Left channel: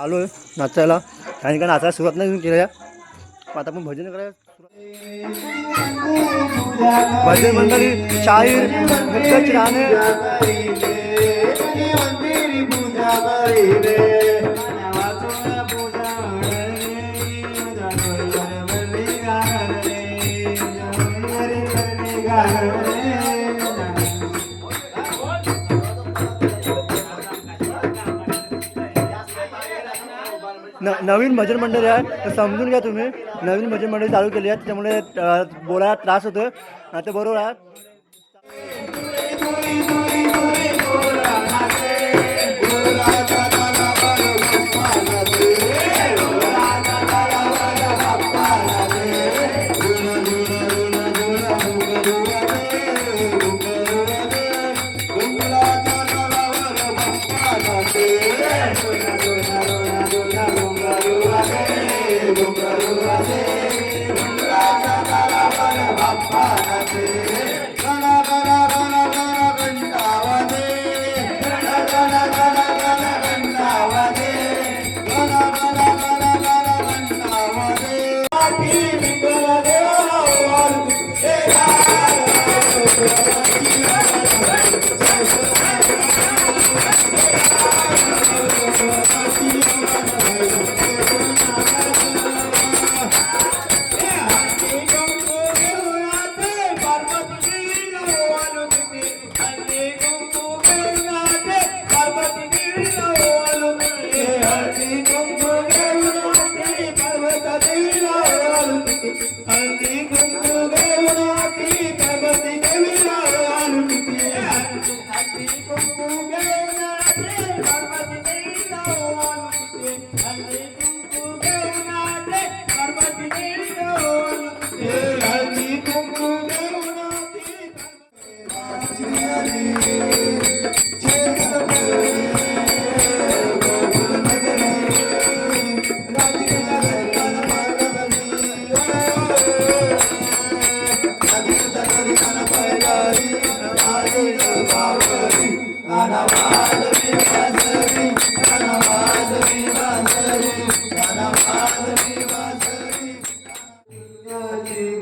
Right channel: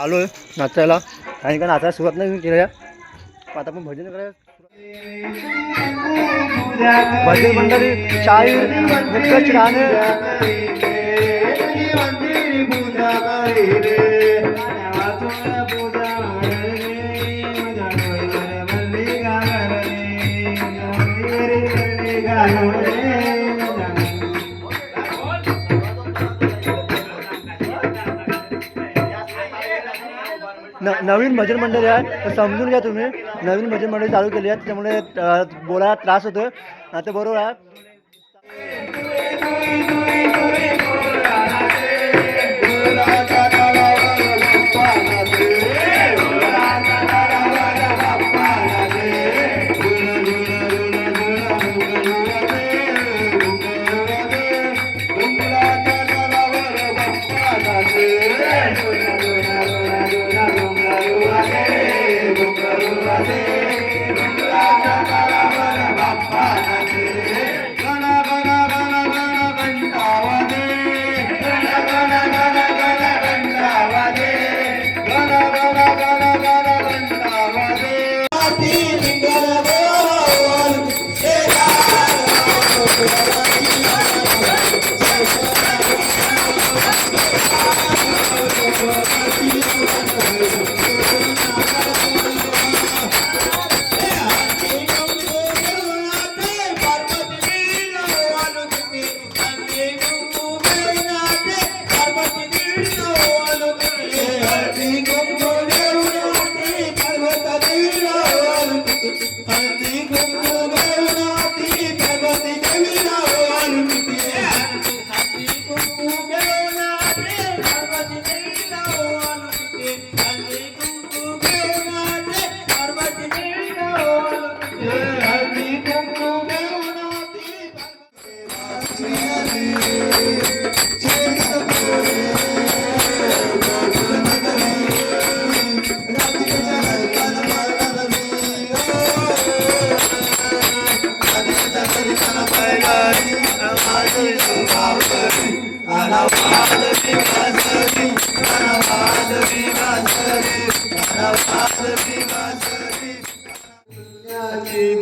आलो आहे नाचायला. काही काय नाचायला सुरुवात नाही केल्या आता आपण भजन करायला भजन मंडळी शाहीर गाणे नवीन भजन मंडळी आहे तर समजून घ्या तुम्ही. नवीन भजन मंडळी चालू केली आहे त्यामुळे बोलायला त्रास होतो आता बरोबर आहे.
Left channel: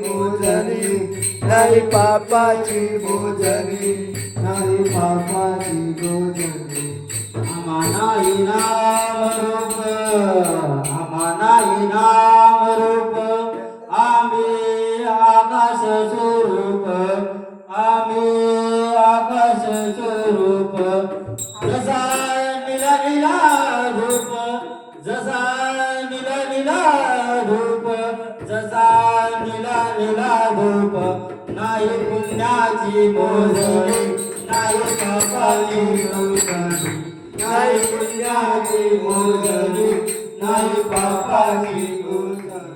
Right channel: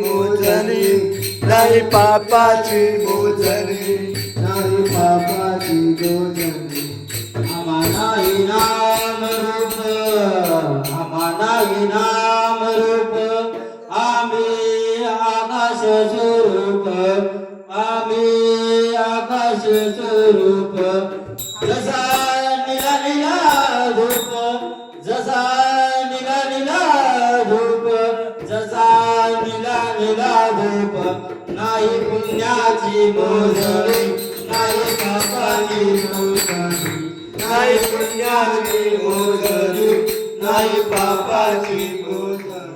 मोजणी नाही पापाची मोजरी नाही पापाची गोजनी नाही इनाम रूप आमा नाही नाम रूप. आम्ही आकाश स्वरूप जसा निला निला धूप जसा निला निला धूप जसा निला निला धूप. नाही पुण्याची मोजणी नाही पापाची मोजणी नाही पुण्याची मोजणी नाही पापाची मोजणी.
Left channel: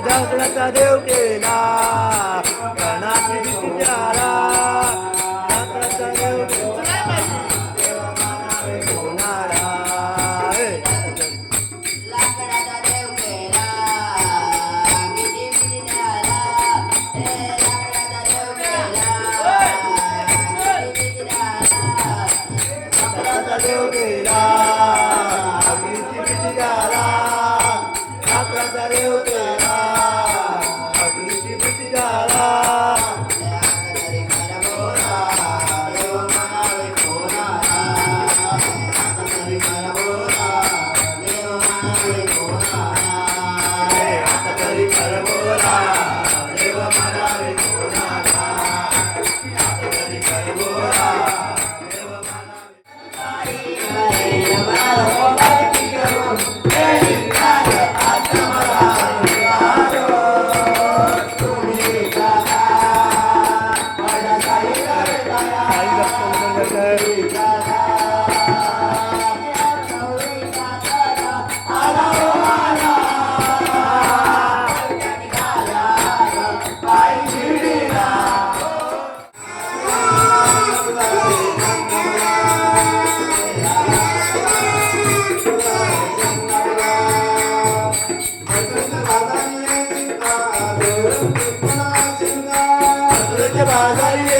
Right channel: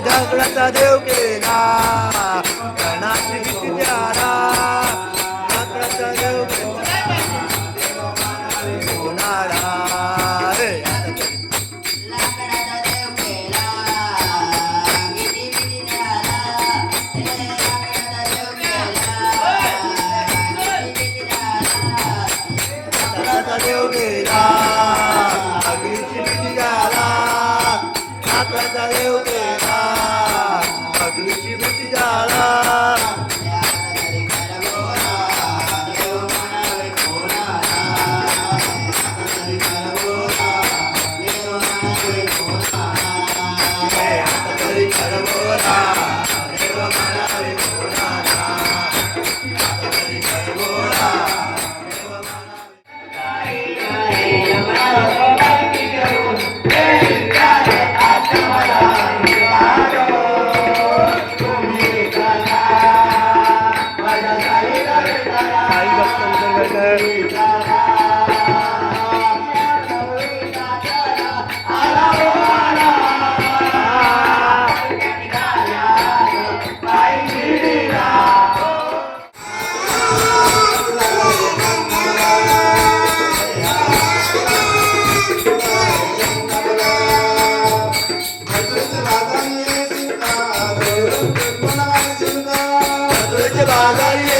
दगडाचा देव केला कणाची विचारा दगडाचा देव केला. दगडाचा देव गेला अग्नीची भीती झाला हे, देव मला कोणाला बोला Nazaria.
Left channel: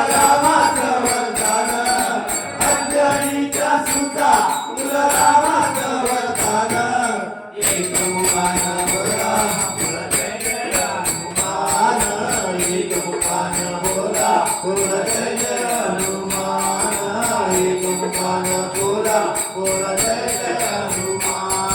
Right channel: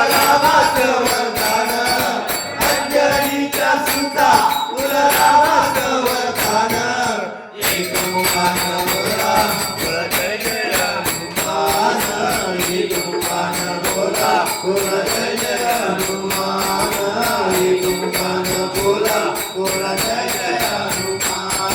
रामाचं वरदान. अंजनीच्या सुता कुल रामाचं वरदान. एक मुखान बोला कुल जय जय हनुमान एक बोला जय जय हनुमान एक मुखान बोला जय जय हनुमान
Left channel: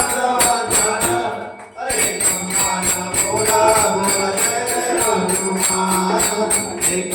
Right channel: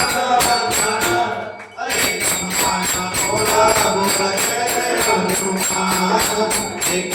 हनुमान एक